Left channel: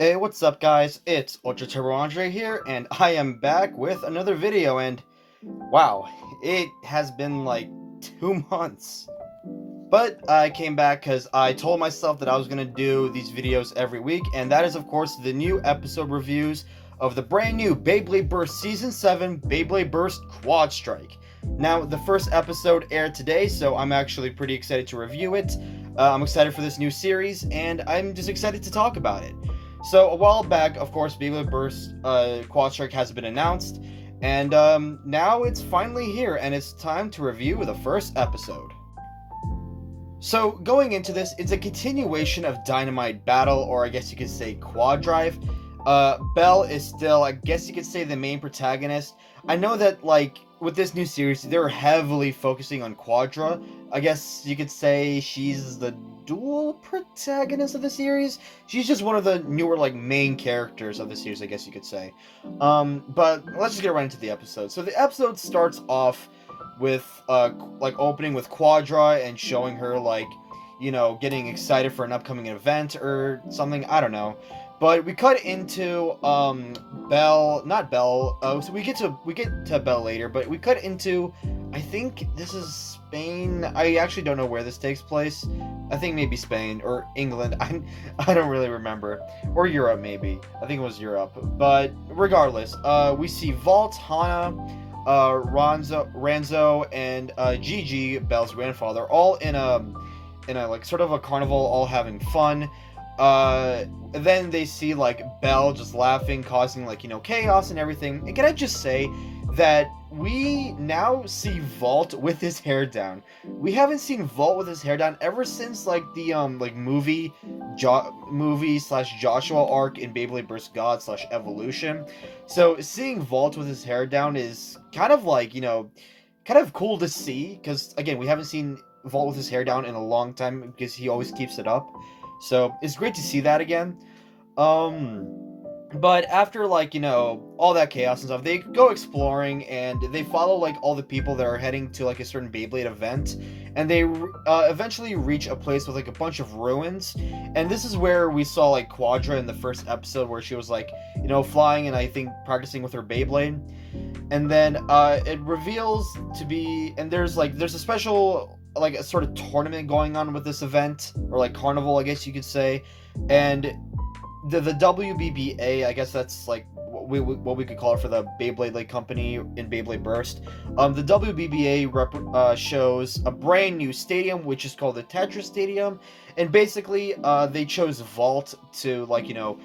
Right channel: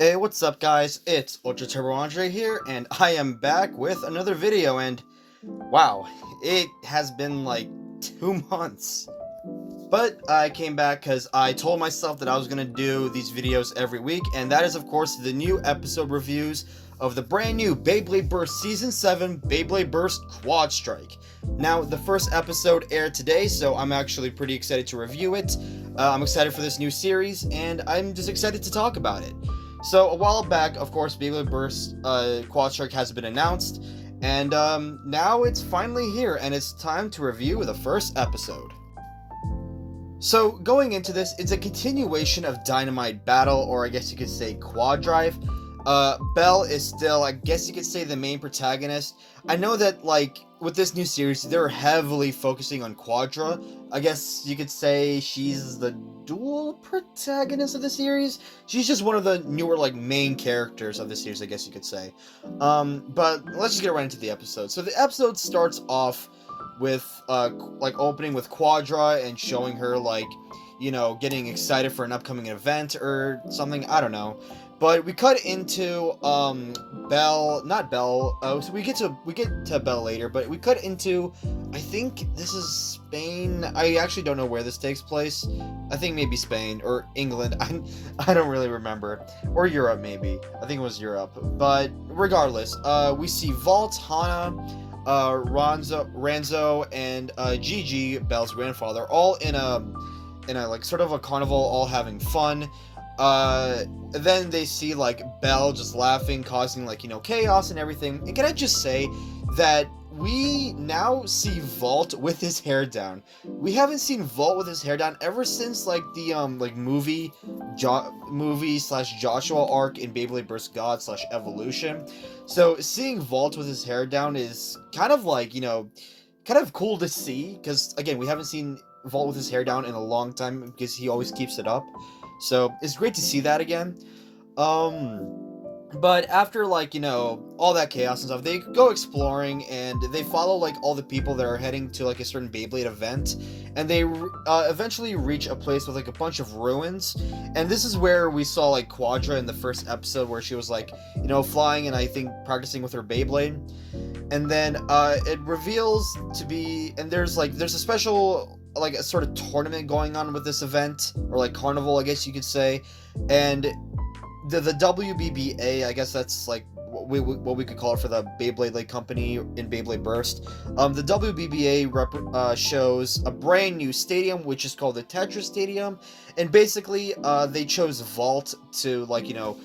Hey, what's up guys? It's Ultra Turbo Andre here, and I am back with another video, and wow, it has been like 2 months. But I came back because I told myself that I was going to do these videos every week, and that is of course the new episode reviews of the brand new Beyblade Burst Season 7 Beyblade Burst Quadstrike. Now, the first episode aired today, so I'm actually pretty excited to review it. I'm excited for this new series, and I'm just excited to talk about it. So, a while back, of course, Beyblade Burst Quadstrike has been announced, and now it's finally here, and it's time to review the first episode. So, going into this, it's a continuation of Dynamite Battle, or I guess you could say Quadrive. Belle is still, I guess you could say, the main protagonist. I know that, like, with this new series, they're heavily focusing on Quadra. I guess you could say she's the dual protagonist of the series. She's just one of the newer, like, main characters of the series, I guess you could say. But let's just get right into the episode. So the episode starts off with, like, opening with Quadra and showing her, like, you know, getting excited for an upcoming event or something. I don't know. But we cut into not Belle. So we get to Belle later, but we cut into, I think this is Spain. I actually don't know where this takes place. I think maybe Spain or England. I don't really remember, or Europe maybe. I think it was Europe. But regardless, we see VALT, Hana, Ranzo, and Gigi, Belle's grandfather, all in a like sort of a carnival, all having fun. Then they see, like, Belle just laughing, causing, like, you know, chaos and everything. And can I just say that we now see VALT with his hair down. We haven't seen VALT with his hair down ever since, like, the, like, movie slash Joshua arc in Beyblade Burst God slash Evolution. So, seeing VALT with his hair down is kind of, like, you know, kind of cool to see. Because, again, we haven't seen VALT with his hair down in a long time because he always keeps it up. So, it's great to see that again. But after, like, you know, all that chaos and stuff, they go exploring, and they follow, like, all the people that are heading to, like, a certain Beyblade event, and they eventually reach a place with, like, a bunch of ruins, and this is where we saw, like, Quadra in the first episode, where she was, like, you know, flying and I think practicing with her Beyblade, and then, it reveals to be, and there's a special, like, a sort of tournament going on with this event, or like carnival, I guess you could say, and the WBBA, I guess that's like what we could call it for the Beyblade League company in Beyblade Burst. The WBBA shows a brand new stadium, which is called the Tetris Stadium, and basically they chose VALT to, like, you know,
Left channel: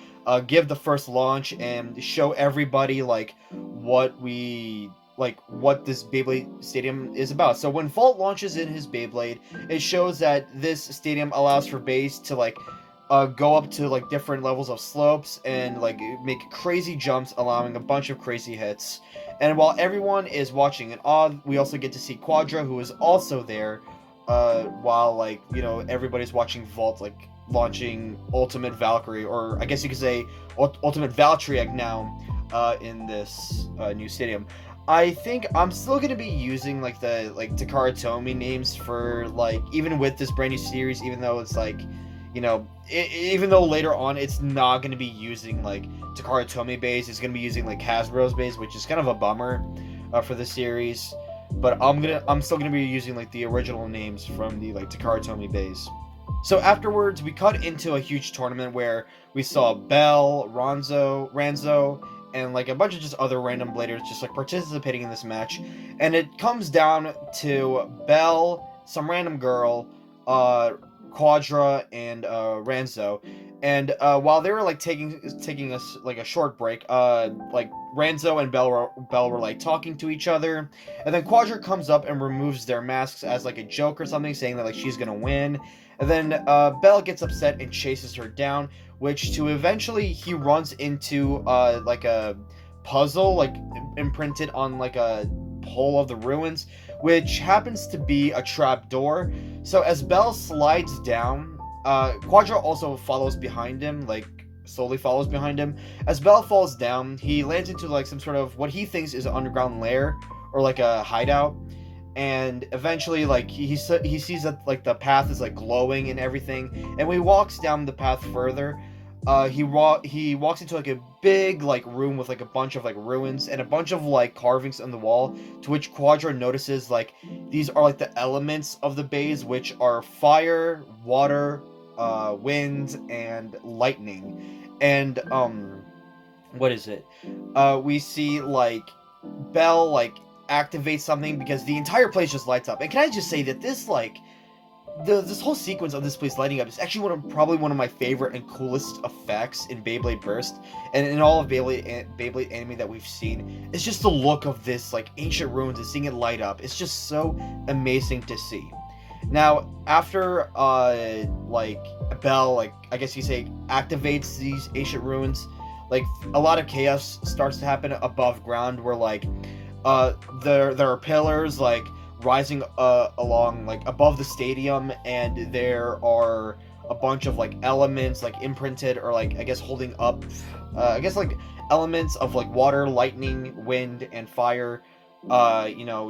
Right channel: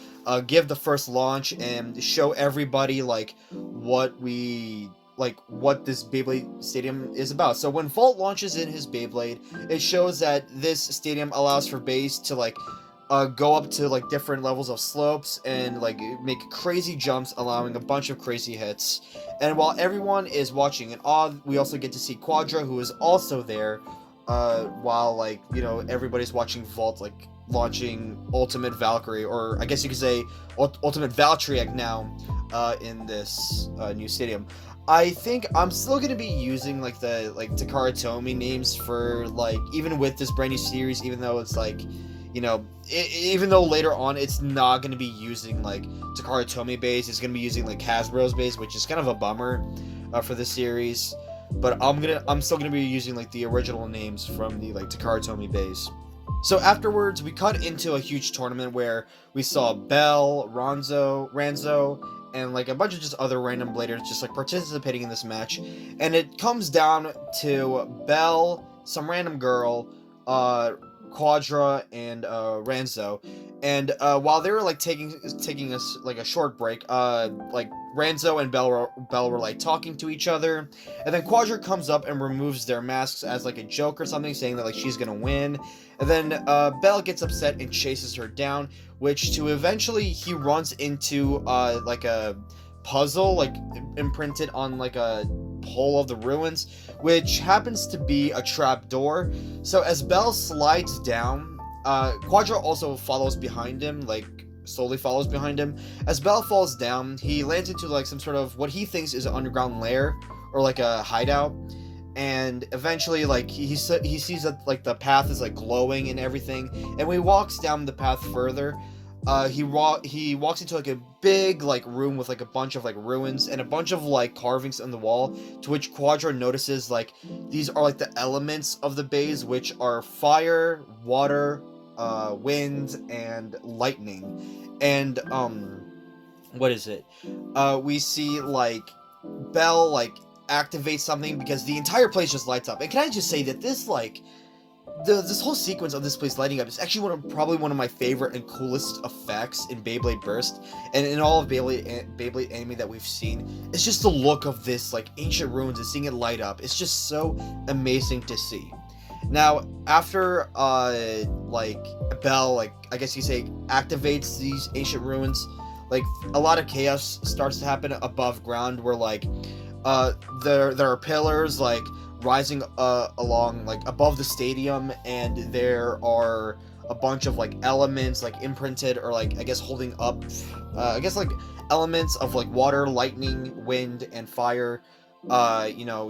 give the first launch and show everybody, like, what this Beyblade Stadium is about. So when VALT launches in his Beyblade, it shows that this stadium allows for bays to, like, go up to, like, different levels of slopes and, like, make crazy jumps, allowing a bunch of crazy hits. And while everyone is watching in awe, we also get to see Quadra, who is also there, while, like, you know, everybody's watching VALT, like, launching Ultimate Valkyrie, or I guess you could say Ultimate Valtriag now, in this new stadium. I think I'm still going to be using, like, the, like, Takara Tomy names for, like, even with this brand new series, even though it's, like, you know, even though later on it's not going to be using, like, Takara Tomy base, it's going to be using, like, Hasbro's base, which is kind of a bummer for the series, but I'm still going to be using, like, the original names from the, like, Takara Tomy base. So afterwards, we cut into a huge tournament where we saw Belle, Ranzo, and, like, a bunch of just other random bladers just, like, participating in this match. And it comes down to Belle, some random girl, Quadra, and Ranzo. And while they were, like, taking us, like, a short break, like, Ranzo and Belle were, like, talking to each other. And then Quadra comes up and removes their masks as, like, a joke or something, saying that, like, she's gonna win. And then Belle gets upset and chases her down, which to eventually he runs into like a puzzle, like, imprinted on, like, a pole of the ruins, which happens to be a trap door. So as Belle slides down, Quadra also follows behind him, like, slowly follows behind him. As Belle falls down, he lands into, like, some sort of what he thinks is an underground lair, or like a hideout. And eventually, like, he sees that, like, the path is, like, glowing and everything, and when he walks down the path further, he walks into like a big like room with like a bunch of like ruins and a bunch of like carvings on the wall, to which Quadra notices like these are like the elements of the bays, which are fire, water, wind, and lightning. And what is it? We see like Belle like activate something because the entire place just lights up. And can I just say that this like this whole sequence of this place lighting up is actually probably one of my favorite and coolest effects in Beyblade Burst and in all of Beyblade anime that we've seen. It's just the look of this like ancient ruins and seeing it light up. It's just so amazing to see. Now, after like Belle, like I guess you say, activates these ancient ruins, like a lot of chaos starts to happen above ground, where like there are pillars like rising along like above the stadium, and there are a bunch of like elements like imprinted or like I guess holding up I guess like elements of like water, lightning, wind, and fire,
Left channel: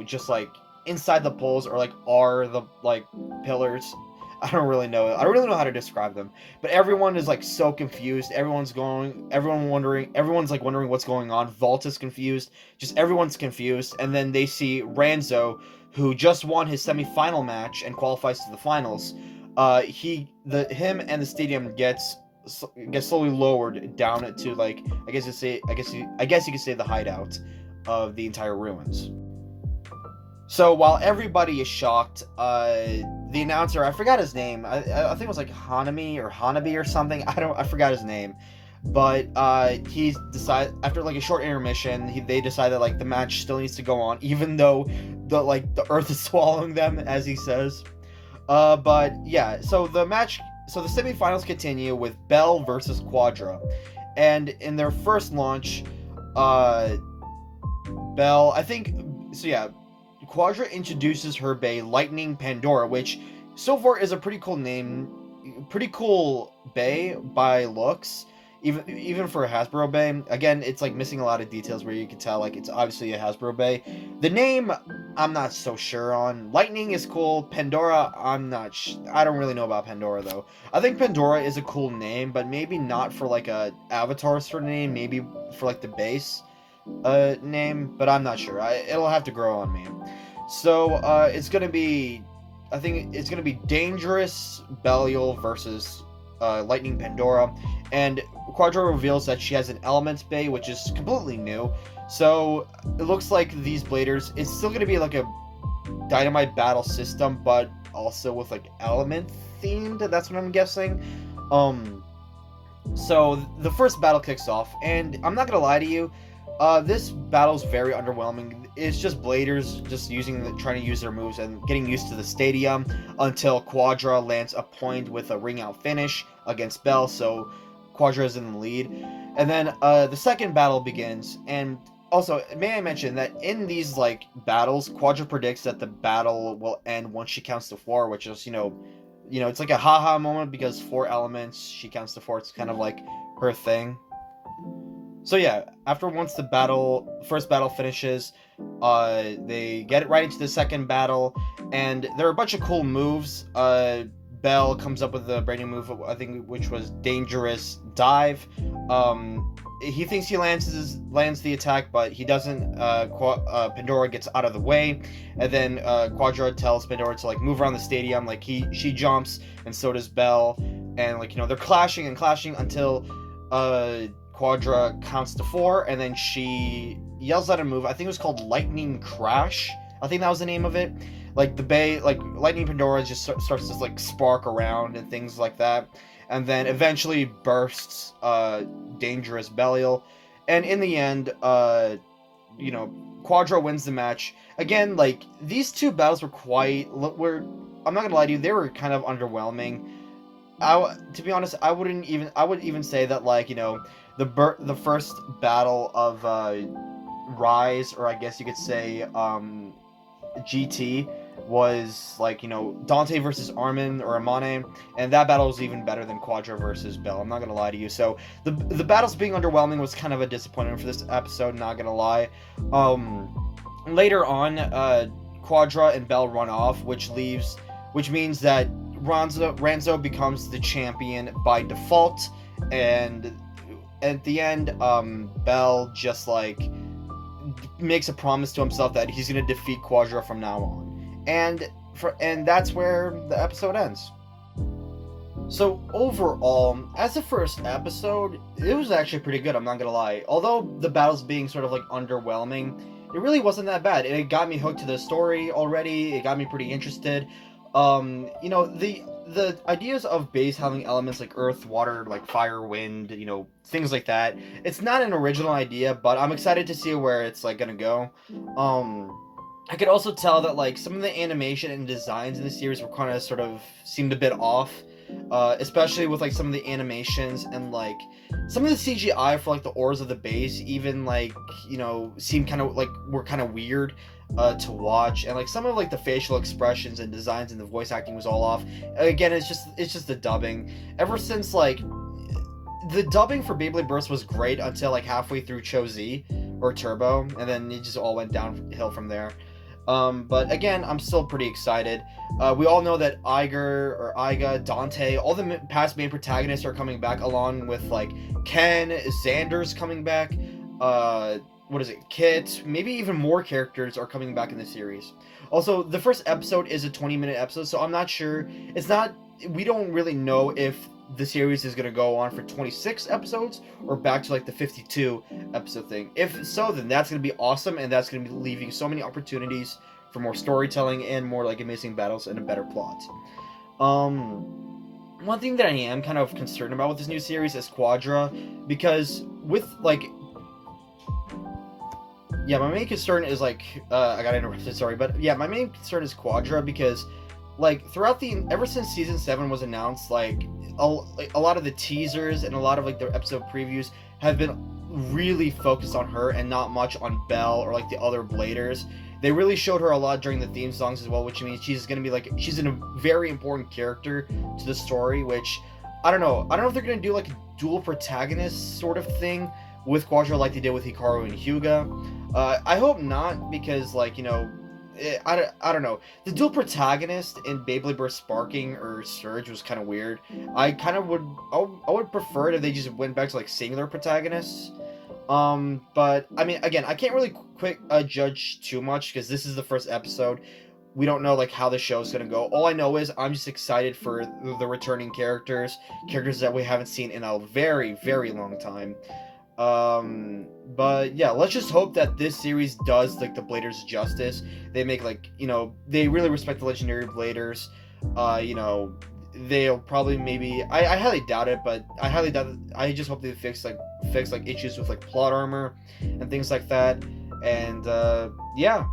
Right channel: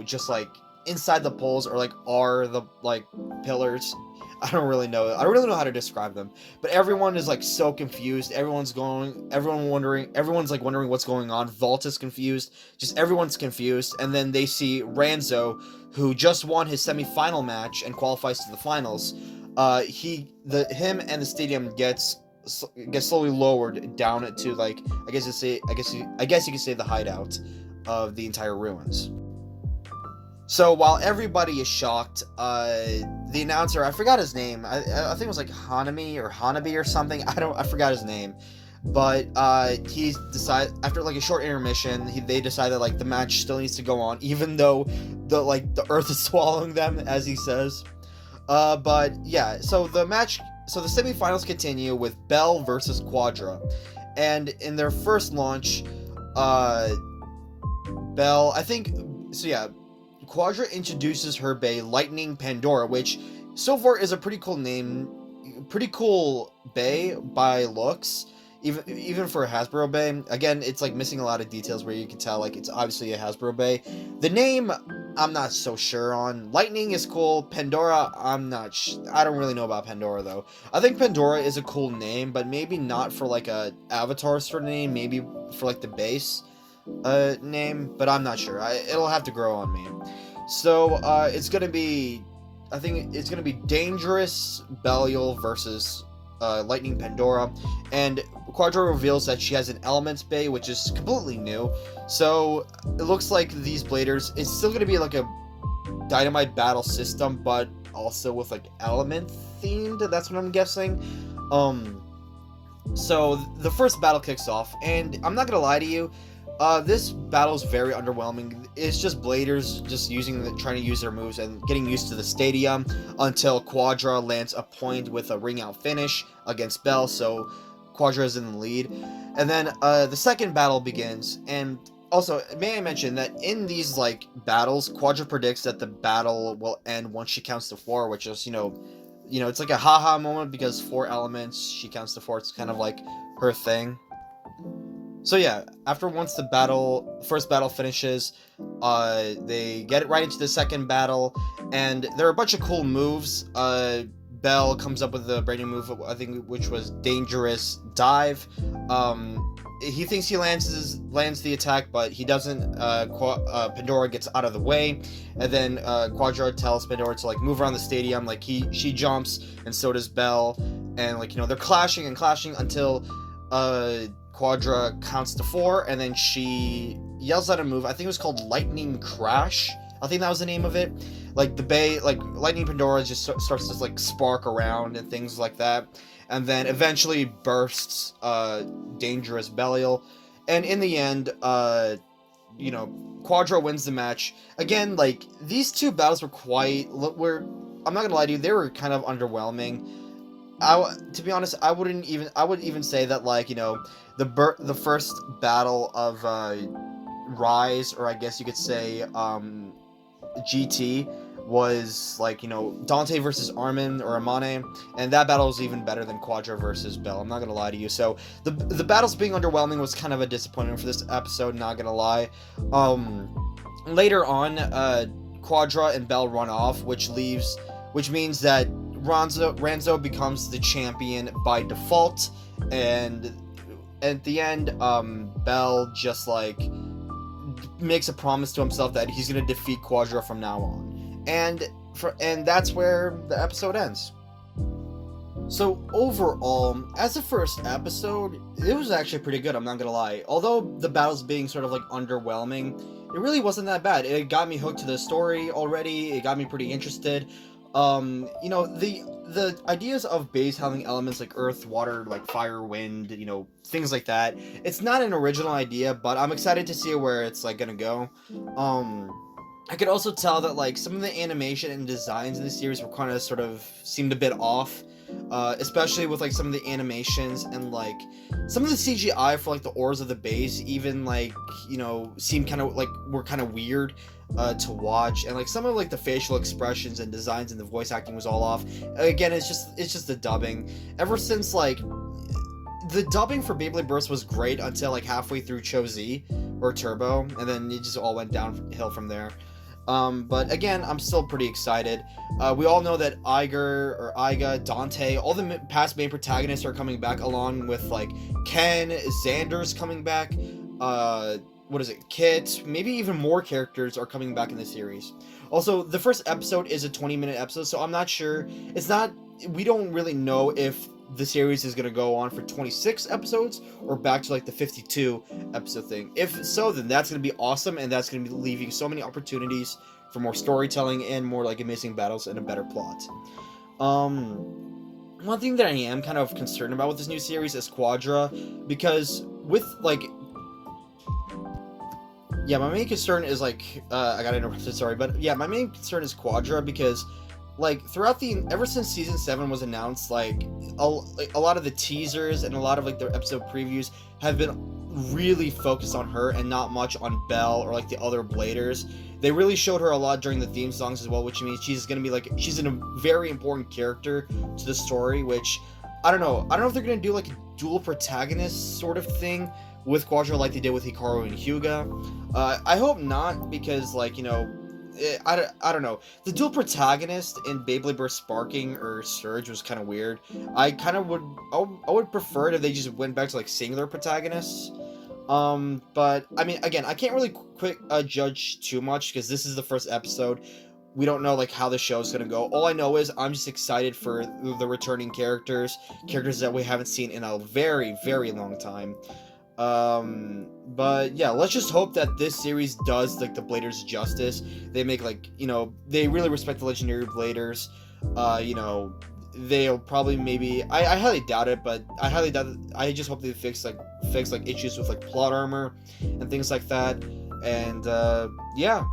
just like inside the poles, or like are the like pillars. I don't really know how to describe them, but everyone is like so confused. Everyone's like wondering what's going on. VALT is confused. Just everyone's confused. And then they see Ranzo, who just won his semi-final match and qualifies to the finals. Him and the stadium gets slowly lowered down to like I guess you could say the hideout of the entire ruins. So while everybody is shocked, the announcer, I forgot his name. I think it was like Hanami or Hanabi or something. I forgot his name. But he decided, after like a short intermission, they decided like the match still needs to go on, even though the earth is swallowing them, as he says. But yeah, so the semifinals continue with Belle versus Quadra, and in their first launch, Belle, Quadra introduces her bay, Lightning Pandora, which so far is a pretty cool name, pretty cool bay by looks, even for a Hasbro bay. Again, it's like missing a lot of details where you can tell like it's obviously a Hasbro bay. The name, I'm not so sure on. Lightning is cool. Pandora, I don't really know about Pandora though. I think Pandora is a cool name, but maybe not for like a avatar sort of name, maybe for like the base name, but I'm not sure. It'll have to grow on me. So it's gonna be Dangerous Belial versus Lightning Pandora, and Quadra reveals that she has an Elements Bay, which is completely new. So it looks like these bladers, it's still gonna be like a Dynamite battle system, but also with like element themed. That's what I'm guessing. So the first battle kicks off, and I'm not gonna lie to you. This battle is very underwhelming. It's just bladers just trying to use their moves and getting used to the stadium until Quadra lands a point with a ring out finish against Belle, so Quadra is in the lead. And then the second battle begins, and also may I mention that in these like battles, Quadra predicts that the battle will end once she counts to 4, which is it's like a haha moment because 4 elements, she counts to 4. It's kind of like her thing. So yeah, once the first battle finishes, they get it right into the second battle, and there are a bunch of cool moves. Belle comes up with a brand new move, I think, which was Dangerous Dive. He thinks he lands the attack, but he doesn't. Pandora gets out of the way, and then Quadra tells Pandora to like move around the stadium. Like she jumps, and so does Belle, and like they're clashing until Quadra counts to 4, and then she yells out a move. I think it was called Lightning Crash. I think that was the name of it. Like the bay, like Lightning Pandora just starts to like spark around and things like that, and then eventually bursts Dangerous Belial, and in the end, Quadra wins the match. Again, like these two battles were I'm not gonna lie to you, they were kind of underwhelming. To be honest, I would even say that like the first battle of Rise, or I guess you could say GT, was like Dante versus Armin or Amane, and that battle was even better than Quadra versus Belle. I'm not gonna lie to you. So the battles being underwhelming was kind of a disappointment for this episode. Not gonna lie. Later on, Quadra and Belle run off, which means that Ranzo becomes the champion by default, and at the end, Bell just like makes a promise to himself that he's gonna defeat Quadra from now on, and that's where the episode ends. So overall, as a first episode, it was actually pretty good, I'm not gonna lie. Although the battles being sort of like underwhelming, it really wasn't that bad. It got me hooked to the story already, it got me pretty interested. You know, the ideas of base having elements like earth, water, like fire, wind, you know, things like that. It's not an original idea, but I'm excited to see where it's like gonna go. I could also tell that like some of the animation and designs in the series were kind of sort of seemed a bit off, especially with like some of the animations and like some of the CGI for like the ores of the base, even like, you know, seemed kind of like were kind of weird to watch, and like some of like the facial expressions and designs and the voice acting was all off. Again, it's just the dubbing. Ever since like the dubbing for Beyblade Burst was great until like halfway through Cho Z or Turbo, and then it just all went downhill from there. But again, I'm still pretty excited. We all know that Iga, Dante, all the past main protagonists are coming back, along with like Ken, Xander's coming back. What is it? Kit, maybe even more characters are coming back in the series. Also, the first episode is a 20-minute episode, so I'm not sure. We don't really know if the series is going to go on for 26 episodes or back to like the 52 episode thing. If so, then that's going to be awesome, and that's going to be leaving so many opportunities for more storytelling and more like amazing battles and a better plot. One thing that I am kind of concerned about with this new series is Quadra, because with like, yeah, my main concern is like, I got interrupted, sorry, but yeah, my main concern is Quadra, because like throughout ever since season 7 was announced, like a lot of the teasers and a lot of like their episode previews have been really focused on her and not much on Belle or like the other bladers. They really showed her a lot during the theme songs as well, which means she's gonna be like, she's a very important character to the story, which I don't know if they're gonna do like a dual protagonist sort of thing with Quadra like they did with Hikaru and Hyuga. I hope not, because like, you know, I don't know. The dual protagonist in Beyblade Burst Sparking or Surge was kind of weird. I would prefer it if they just went back to like singular protagonists. But I mean, again, I can't really judge too much because this is the first episode. We don't know like how the show's gonna go. All I know is I'm just excited for the returning characters that we haven't seen in a very, very long time. But yeah, let's just hope that this series does like the bladers justice. They make like, you know, they really respect the legendary bladers. You know, they'll probably maybe, I highly doubt it, but I just hope they fix like issues with like plot armor and things like that. And yeah,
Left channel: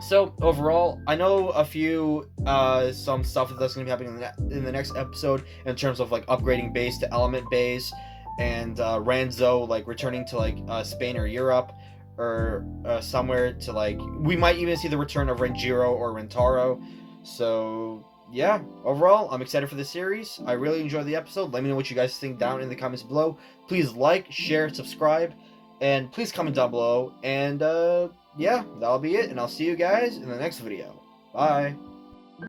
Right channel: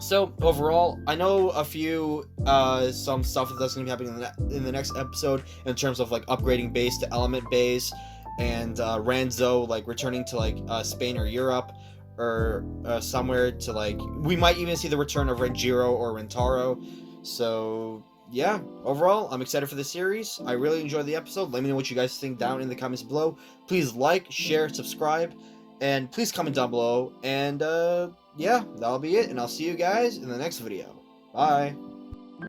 so overall, I know a few some stuff that's going to be happening in the next episode in terms of like upgrading base to element base, and Ranzo like returning to like Spain or Europe or somewhere to like, we might even see the return of Renjiro or Rentaro. So yeah, overall, I'm excited for the series. I really enjoyed the episode. Let me know what you guys think down in the comments below. Please like, share, subscribe, and please comment down below. And yeah, that'll be it, and I'll see you guys in the next video. Bye.